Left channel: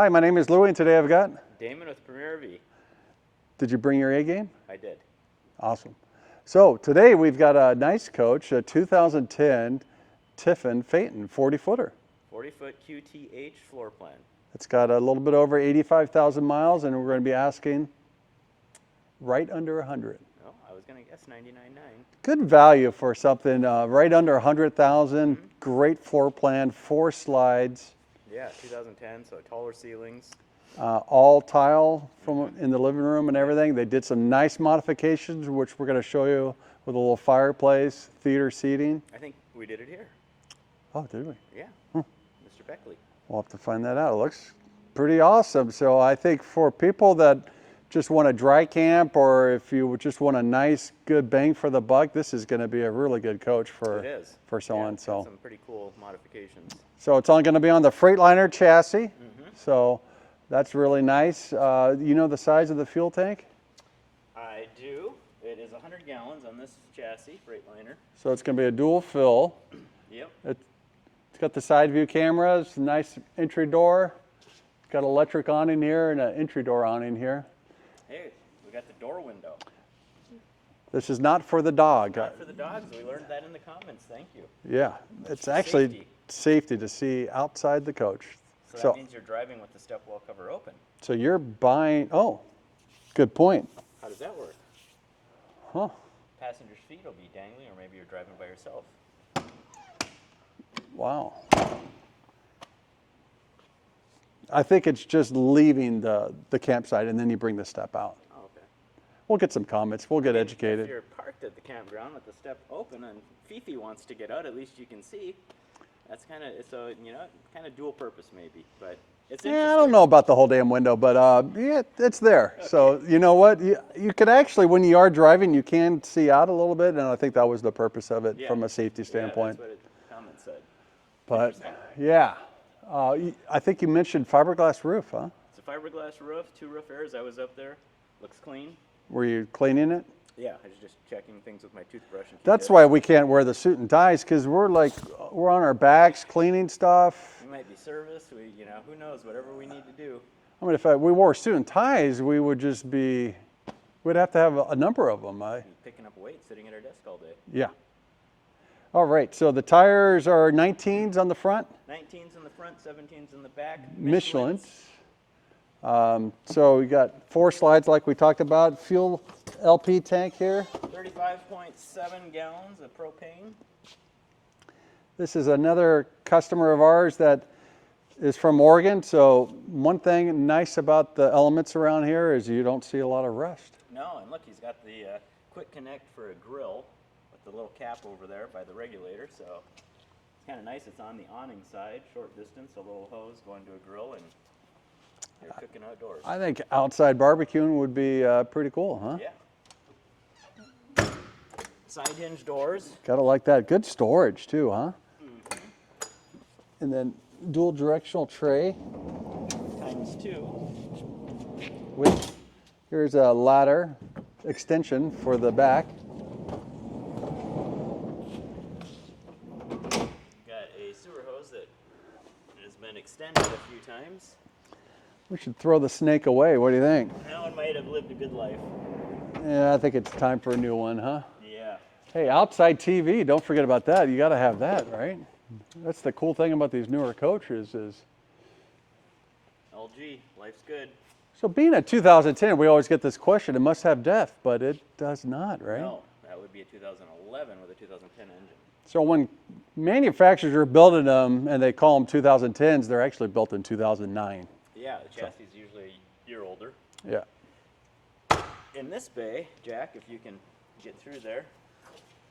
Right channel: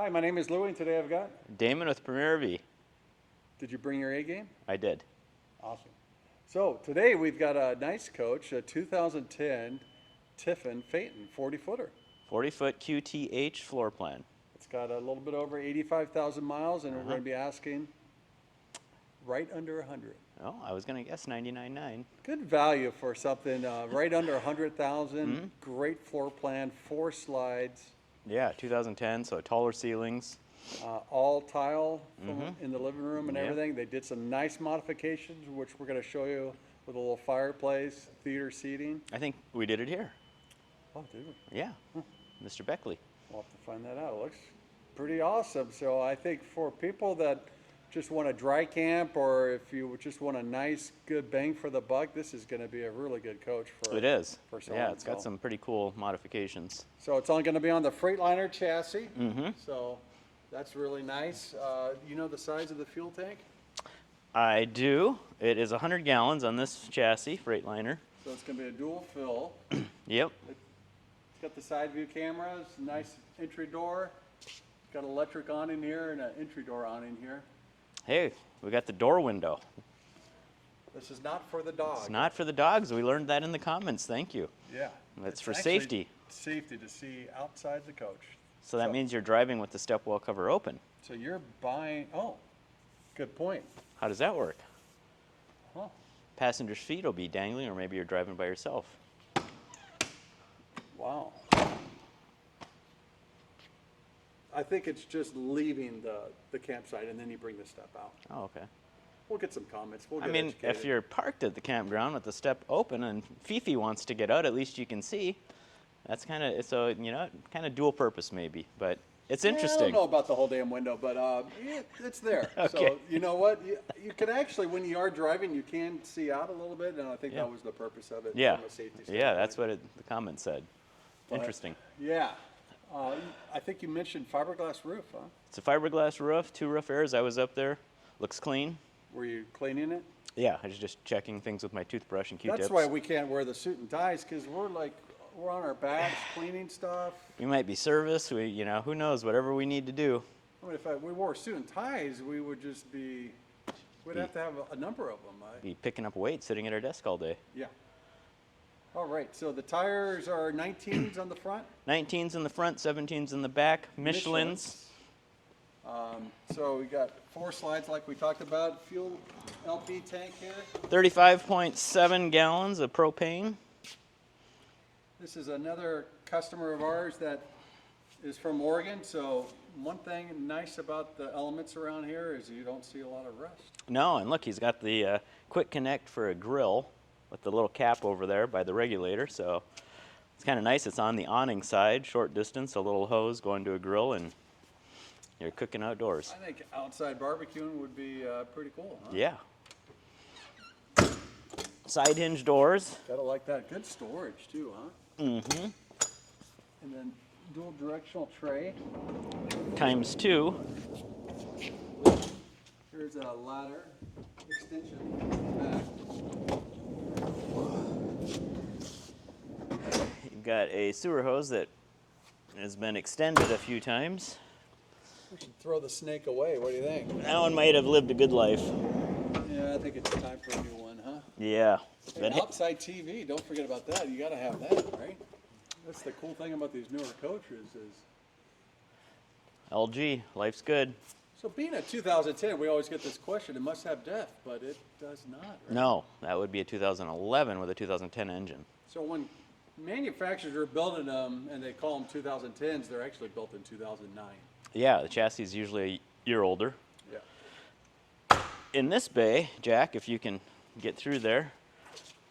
Hi, my name is Louie, and today I've got... Damon with Premier V. Did you bring your A game? I did. Awesome. So today we've got a nice coach, a 2010 Tiffin Phaeton 40-footer. 40-foot QTH floor plan. It's got a little bit over 85,000 miles, and we're going to be asking right under 100. Oh, I was going to guess 99.9. Good value for something right under 100,000. Great floor plan, 4 slides. Yeah, 2010, so taller ceilings. All tile from in the living room and everything. They did some nice modifications, which we're going to show you, with a little fireplace, theater seating. I think we did it here. Oh, did we? Yeah, Mr. Beckley. We'll have to find that out. It looks pretty awesome. So I think for people that just want a dry camp, or if you just want a nice, good bang for the buck, this is going to be a really good coach for It is. for someone. Yeah, it's got some pretty cool modifications. So it's all going to be on the freightliner chassis. So that's really nice. You know the size of the fuel tank? I do. It is 100 gallons on this chassis, Freightliner. So it's going to be a dual fill. Yep. It's got the side view cameras, nice entry door. It's got electric awning here and an entry door awning here. Hey, we got the door window. This is not for the dog. It's not for the dogs. We learned that in the comments. Thank you. Yeah, That's it's for actually safety to see outside the coach. So that means you're driving with the step well cover open. So you're buying, oh, good point. How does that work? Huh. Passenger's feet will be dangling, or maybe you're driving by yourself. Wow. I think it's just leaving the campsite and then you bring the step out. Oh, okay. We'll get some comments. We'll get educated. If you're parked at the campground with the step open and Fifi wants to get out, at least you can see. That's kind of, so, you know, kind of dual purpose maybe, but it's interesting. I don't know about the whole damn window, but yeah, it's there. Okay. So you know what? You could actually, when you are driving, you can see out a little bit, and I think that was the purpose of it from a safety standpoint. Yeah, that's what the comment said. But, interesting. Yeah. I think you mentioned fiberglass roof, huh? It's a fiberglass roof, 2 roof airs. I was up there. Looks clean. Were you cleaning it? Yeah, I was just checking things with my toothbrush and Q-tips. That's why we can't wear the suit and ties, because we're on our backs cleaning stuff. We might be service. We, you know, who knows? Whatever we need to do. I mean, if we wore suit and ties, we would just be, we'd have to have a number of them. Be picking up weight, sitting at our desk all day. Yeah. All right, so the tires are 19s on the front? 19s in the front, 17s in the back. Michelin's. So we got 4 slides like we talked about. Fuel LP tank here. 35.7 gallons of propane. This is another customer of ours that is from Oregon. So one thing nice about the Elements around here is you don't see a lot of rust. No, and look, he's got the quick connect for a grill with the little cap over there by the regulator. So it's kind of nice. It's on the awning side, short distance, a little hose going to a grill, and you're cooking outdoors. I think outside barbecuing would be pretty cool, huh? Yeah. Side hinge doors. Gotta like that. Good storage too, huh? Mm-hmm. And then dual directional tray. ×2. Here's a ladder extension for the back. You've got a sewer hose that has been extended a few times. We should throw the snake away. What do you think? That one might have lived a good life. Yeah, I think it's time for a new one, huh? Yeah. Hey, outside TV, don't forget about that. You got to have that, right? That's the cool thing about these newer coaches is... LG, life's good. So being a 2010, we always get this question, it must have depth, but it does not, right? No, that would be a 2011 with a 2010 engine. So when manufacturers are building them and they call them 2010s, they're actually built in 2009. Yeah, the chassis is usually a year older. Yeah. In this bay, Jack, if you can get through there,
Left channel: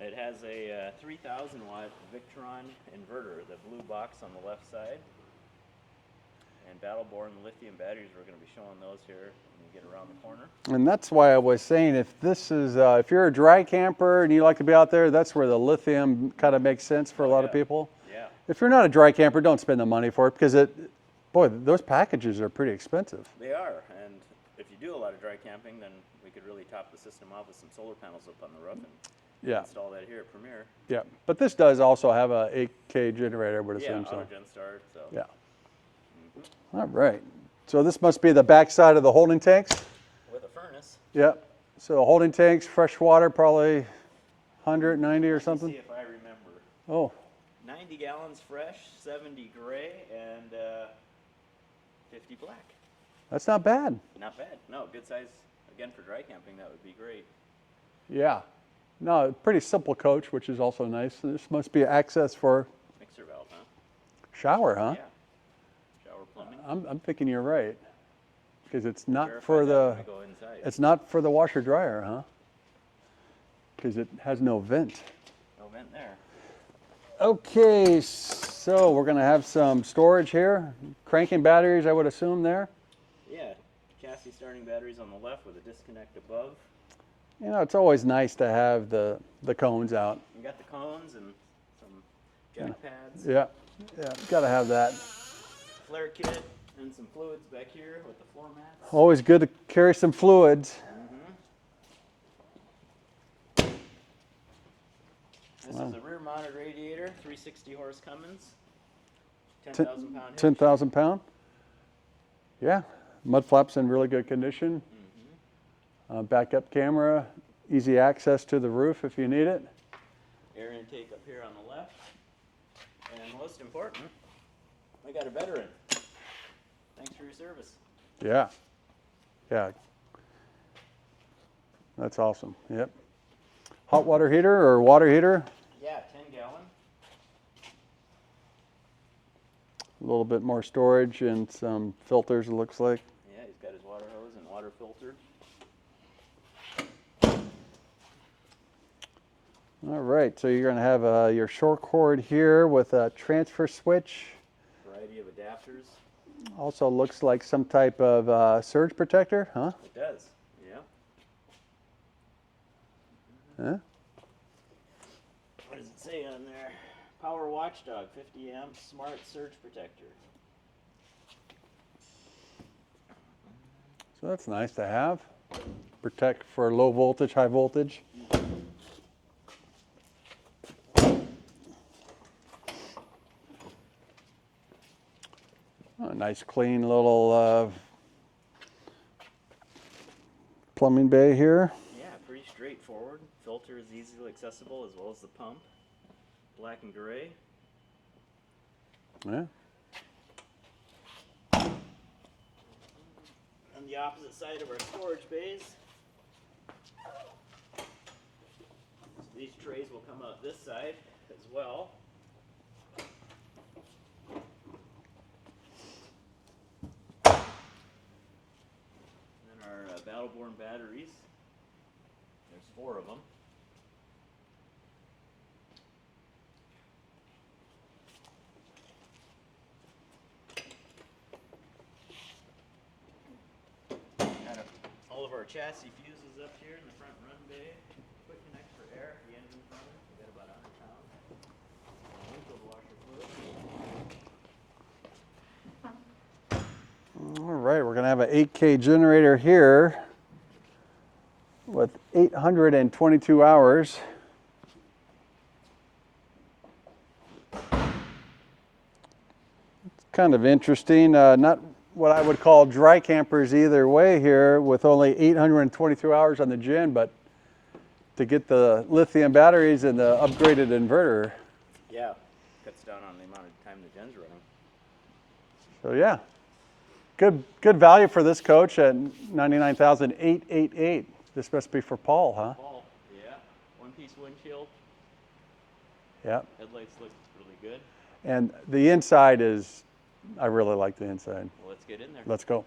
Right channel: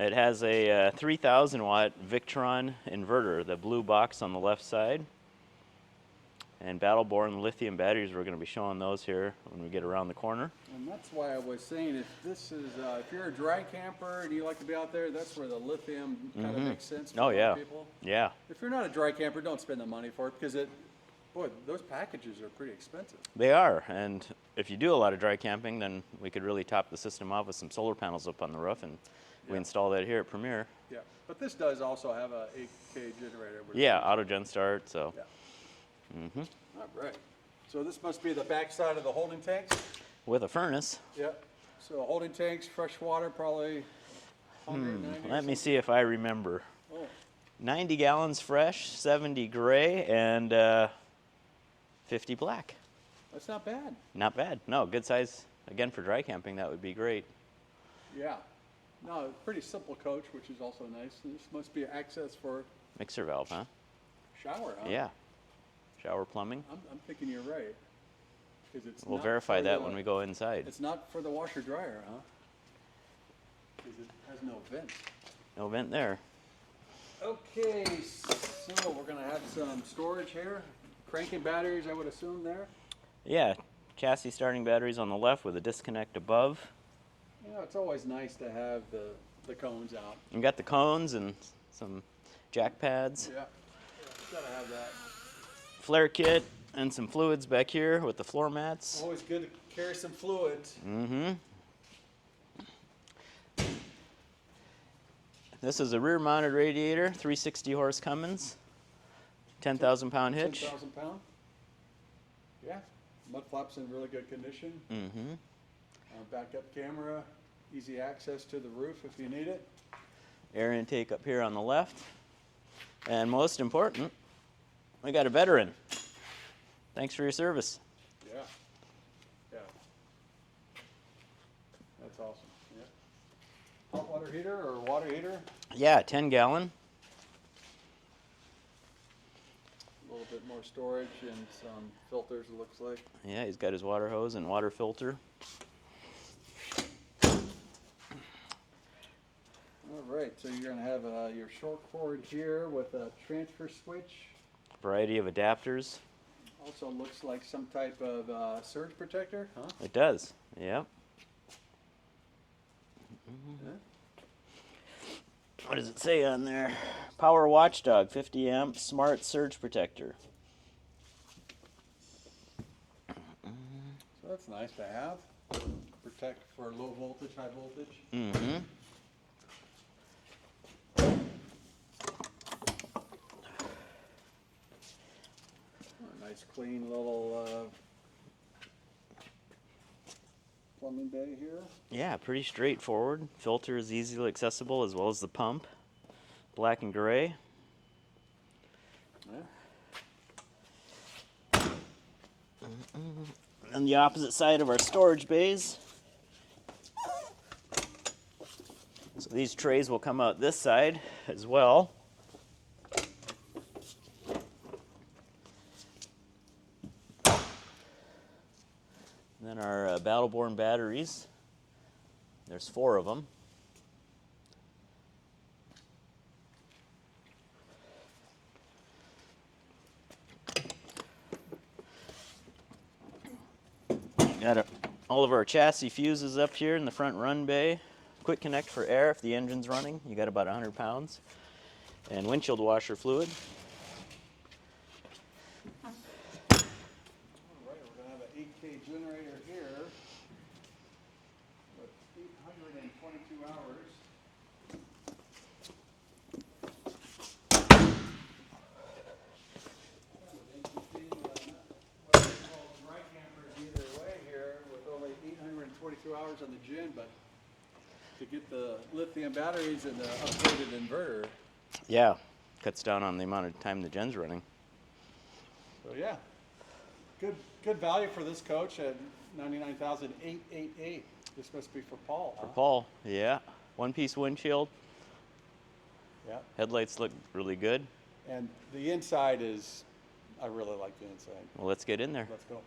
it has a 3,000 watt Victron inverter, the blue box on the left side. And Battle-Born lithium batteries, we're going to be showing those here when we get around the corner. And that's why I was saying, if this is, if you're a dry camper and you like to be out there, that's where the lithium kind of makes sense for a lot of people. Yeah. If you're not a dry camper, don't spend the money for it, because boy, those packages are pretty expensive. They are, and if you do a lot of dry camping, then we could really top the system off with some solar panels up on the roof and install that here at Premier. Yeah, but this does also have a 8K generator. Yeah, auto gen start, so. Yeah. All right. So this must be the back side of the holding tanks. with a furnace. Yep. So holding tanks, fresh water, probably 190 or Let me something. see if I remember. Oh, 90 gallons fresh, 70 gray, and 50 black. that's not bad. Not bad. No, good size. Again, for dry camping, that would be great. Yeah. No, pretty simple coach, which is also nice. This must be access for Mixer valve, huh? shower, huh? Yeah. Shower plumbing. I'm thinking you're right. Because it's We'll not verify for that when the we go inside. it's not for the washer dryer, huh? Because it has no vent. No vent there. Okay, so we're gonna have some storage here. Cranking batteries, I would assume there. Yeah, chassis starting batteries on the left with a disconnect above. You know, it's always nice to have the cones out. You got the cones and some jack pads. Yeah, yeah, gotta have that. Flare kit and some fluids back here with the floor mats. Always good to carry some fluids. Mm-hmm. This is a rear-mounted radiator, 360 horse Cummins, 10,000 pound hitch. 10,000 pound. Yeah, mud flaps in really good condition. Mm-hmm. Backup camera, easy access to the roof if you need it. Air intake up here on the left. And most important, we got a veteran. Thanks for your service. Yeah, yeah. That's awesome. Yep. Hot water heater or water heater. Yeah, 10 gallon. A little bit more storage and some filters, it looks like. Yeah, he's got his water hose and water filter. All right, so you're going to have your short cord here with a transfer switch. Variety of adapters. Also looks like some type of surge protector, huh? It does. Yep. Yeah. What does it say on there? Power Watchdog, 50 amp smart surge protector. So that's nice to have. Protect for low voltage, high voltage. Mm-hmm. A nice clean little plumbing bay here. Yeah, pretty straightforward. Filter is easily accessible as well as the pump. Black and gray. Yeah. On the opposite side of our storage bays. So these trays will come out this side as well. And then our Battleborn batteries. There's 4 of them. Got all of our chassis fuses up here in the front run bay. Quick connect for air if the engine's running. You got about 100 pounds. And windshield washer fluid. All right, we're going to have an 8K generator here with 822 hours. Kind of interesting. Not what I would call dry campers either way here with only 822 hours on the gen, but to get the lithium batteries and the upgraded inverter. Yeah, cuts down on the amount of time the gen's running. So yeah, good value for this coach at $99,888. This must be for Paul, huh? Paul, yeah. One-piece windshield. Yeah. Headlights look really good. And the inside is, I really like the inside. Well, let's get in there. Let's go.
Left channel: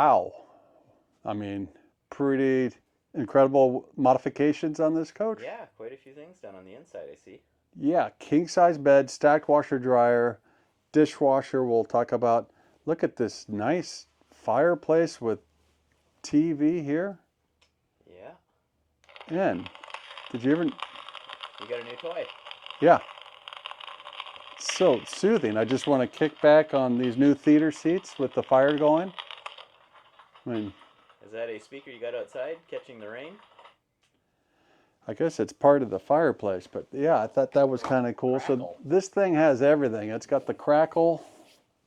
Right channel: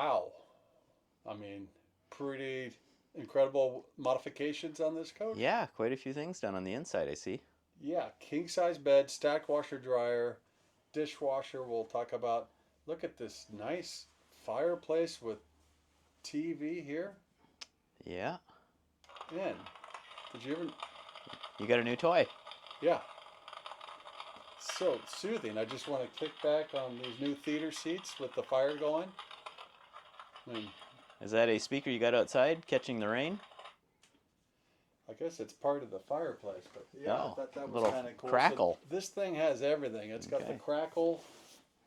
wow. I mean, pretty incredible modifications on this coach. Yeah, quite a few things done on the inside, I see. Yeah, king size bed, stacked washer dryer, dishwasher we'll talk about. Look at this nice fireplace with TV here. Yeah. And did you ever, You got a new toy. yeah, so soothing. I just want to kick back on these new theater seats with the fire going. I mean, Is that a speaker you got outside catching the rain? I guess it's part of the fireplace, but yeah, I Oh, thought that was little kind of cool. crackle. So this thing has everything. It's got the crackle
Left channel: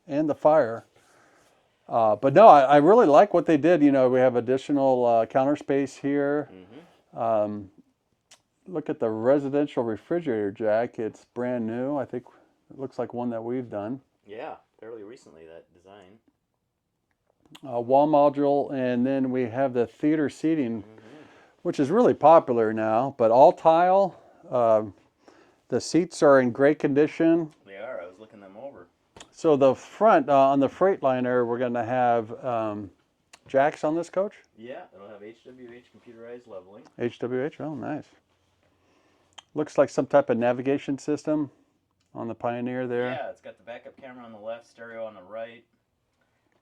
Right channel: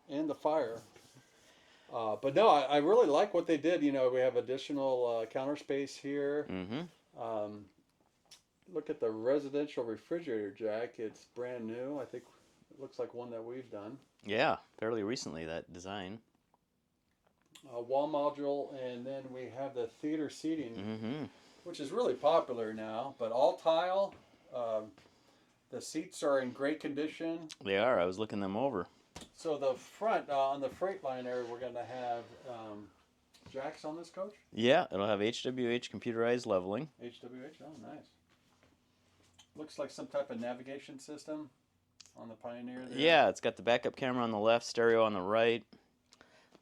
and the fire. But no, I really like what they did. You know, we have additional counter space here. Mm-hmm. Look at the residential refrigerator, Jack. It's brand new. I think it looks like one that we've done. Yeah, fairly recently, that design. Wall module, and then we have the theater seating, Mm-hmm. which is really popular now, but all tile. The seats are in great condition. They are. I was looking them over. So the front, on the Freightliner, we're going to have jacks on this coach. Yeah, it'll have HWH computerized leveling. HWH, oh nice. Looks like some type of navigation system on the Pioneer there. Yeah, it's got the backup camera on the left, stereo on the right,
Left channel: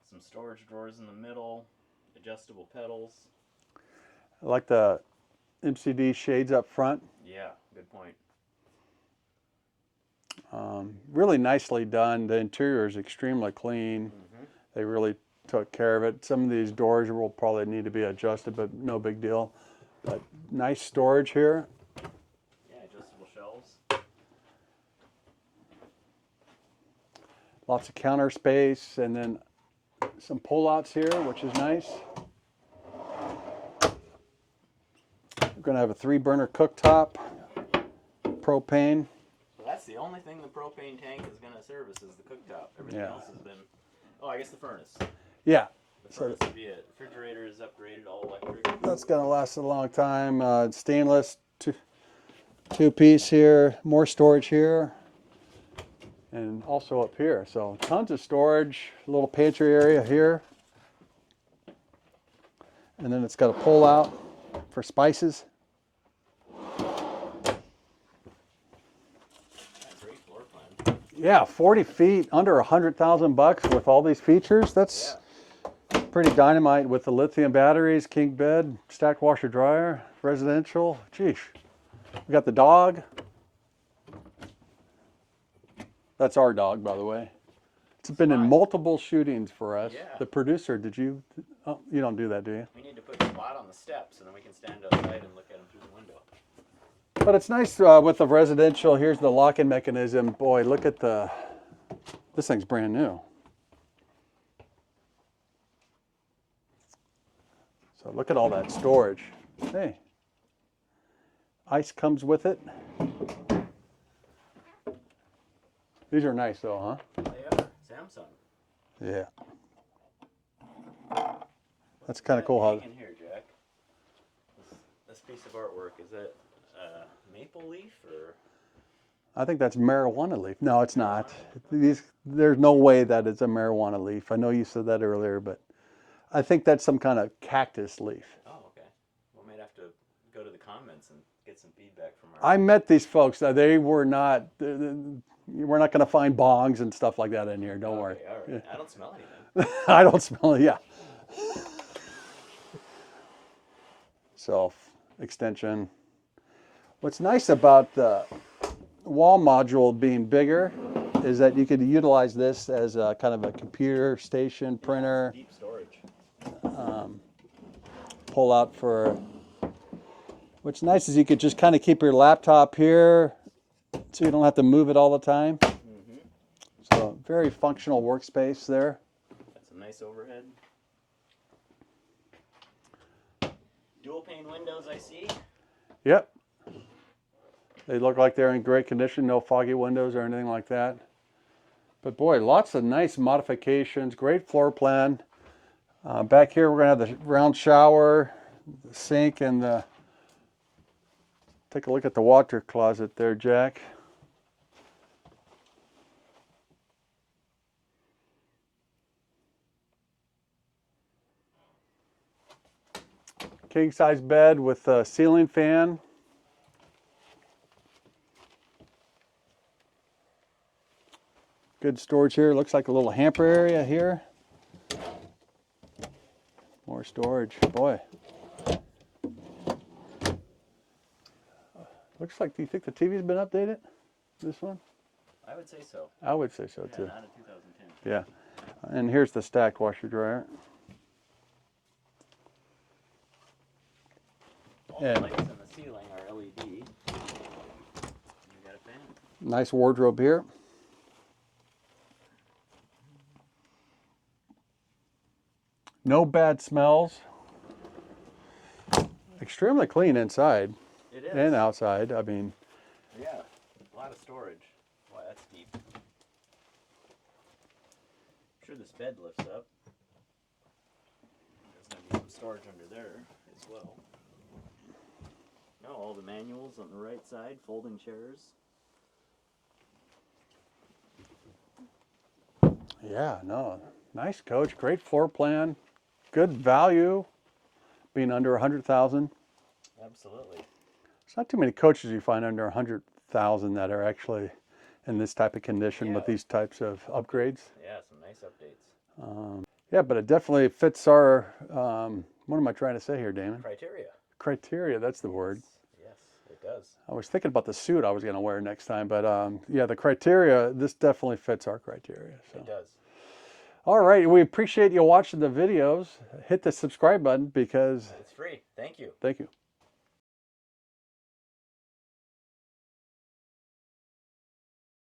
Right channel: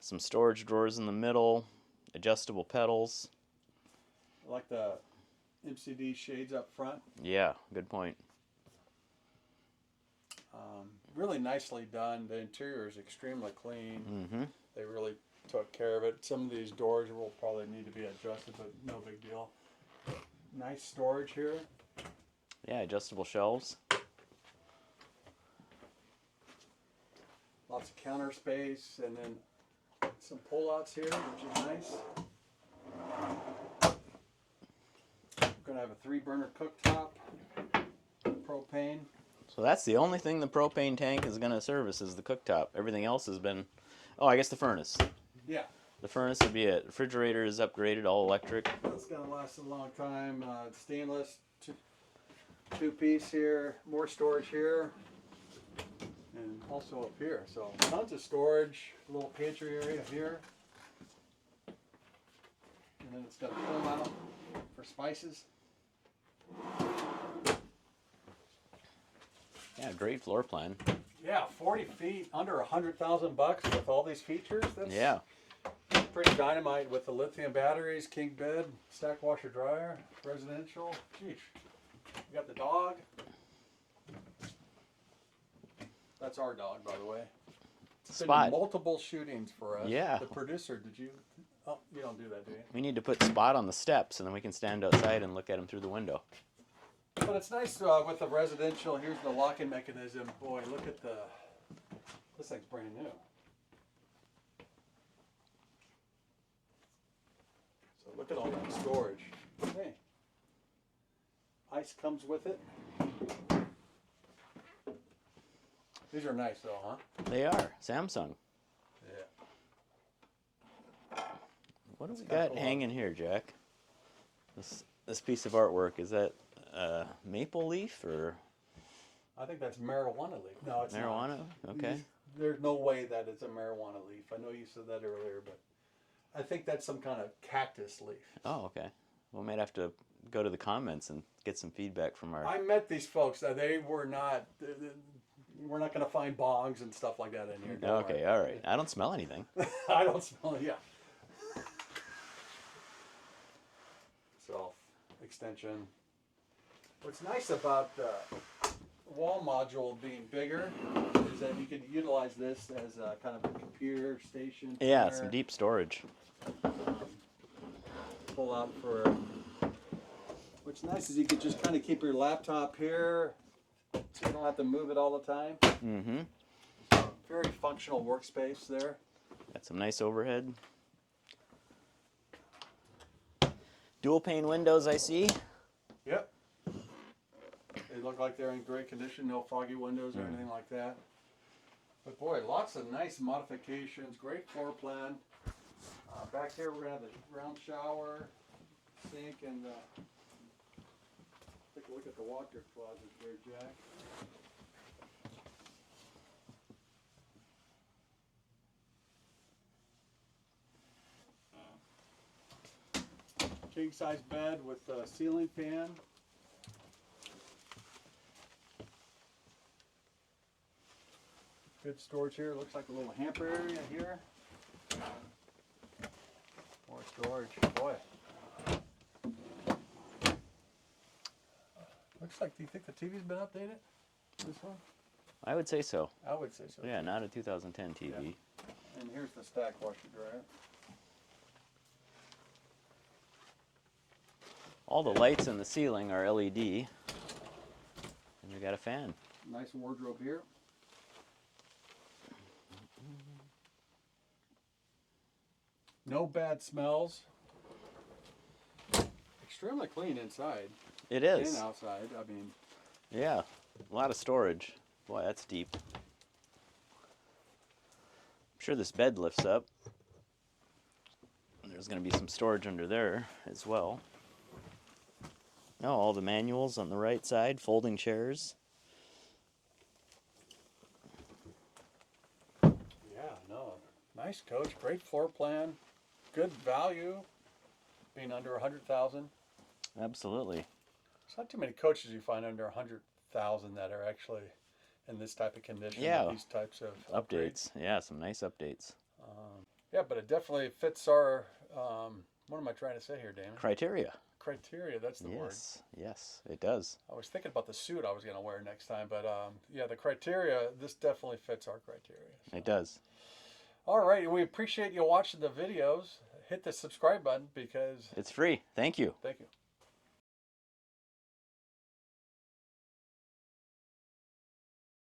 some storage drawers in the middle, adjustable pedals. I like the MCD shades up front. Yeah, good point. Really nicely done. The interior is extremely clean. Mm-hmm. They really took care of it. Some of these doors will probably need to be adjusted, but no big deal. But nice storage here. Yeah, adjustable shelves. Lots of counter space, and then some pull-outs here, which is nice. We're going to have a 3-burner cooktop, propane. So that's the only thing the propane tank is going to service is the cooktop. Everything Yeah. else has been, oh, I guess the furnace. Yeah, The furnace would be it. Refrigerator is upgraded, all electric. that's going to last a long time. Stainless two-piece here, more storage here, and also up here. So tons of storage, a little pantry area here. And then it's got a pull-out for spices. Yeah, great floor plan. Yeah, 40 feet, under $100,000 with all these features. That's Yeah. pretty dynamite with the lithium batteries, king bed, stacked washer dryer, residential. Geesh. We got the dog. That's our dog, by the way. It's been Spot. in multiple shootings for us. Yeah. The producer, did you? Oh, you don't do that, do you? We need to put Spot on the steps, and then we can stand outside and look at him through the window. But it's nice with the residential. Here's the lock-in mechanism. Boy, look at this thing's brand new. So look at all that storage. Hey, ice comes with it. These are nice though, huh? They are. Samsung. Yeah. What That's is kinda that cool how- hanging here, Jack? This piece of artwork, is that maple leaf or? I think that's marijuana leaf. No, it's not. Marijuana? Okay. There's no way that it's a marijuana leaf. I know you said that earlier, but I think that's some kind of cactus leaf. Oh, okay. We might have to go to the comments and get some feedback from our. I met these folks. They were not. We're not going to find bongs and stuff like that in here. Don't worry. Okay, all right. I don't smell anything. I don't smell it. Yeah. Self extension. What's nice about the wall module being bigger is that you could utilize this as a kind of a computer station, Yeah, printer, some deep storage. pull out for. What's nice is you could just kind of keep your laptop here so you don't have to move it all the time. Mm-hmm. So very functional workspace there. Got some nice overhead. Dual pane windows, I see. Yep. They look like they're in great condition, no foggy windows or anything like that. But boy, lots of nice modifications, great floor plan. Back here, we're gonna have the round shower, the sink, and the, take a look at the water closet there, Jack. King size bed with a ceiling fan. Good storage here. Looks like a little hamper area here. More storage, boy. Looks like, do you think the TV's been updated? This one? I would say so. I would say so Yeah, too. not a 2010 TV. Yeah. And here's the stacked washer dryer. All the lights on the ceiling are LED. And you got a fan. Nice wardrobe here. No bad smells. Extremely clean inside It is. and outside. I mean, Yeah, a lot of storage. Boy, that's deep. I'm sure this bed lifts up. There's going to be some storage under there as well. Oh, all the manuals on the right side, folding chairs. yeah, no, nice coach. Great floor plan. Good value, being under 100,000. Absolutely. There's not too many coaches you find under 100,000 that are actually in this type of condition Yeah. with these types of upgrades. Yeah, some nice updates. Yeah, but it definitely fits our, what am I trying to say here, Damon? Criteria. Criteria, that's the word. Yes, it does. I was thinking about the suit I was going to wear next time, but yeah, the criteria, this definitely fits our criteria. So. It does. All right, we appreciate you watching the videos. Hit the subscribe button because... It's free. Thank you. Thank you.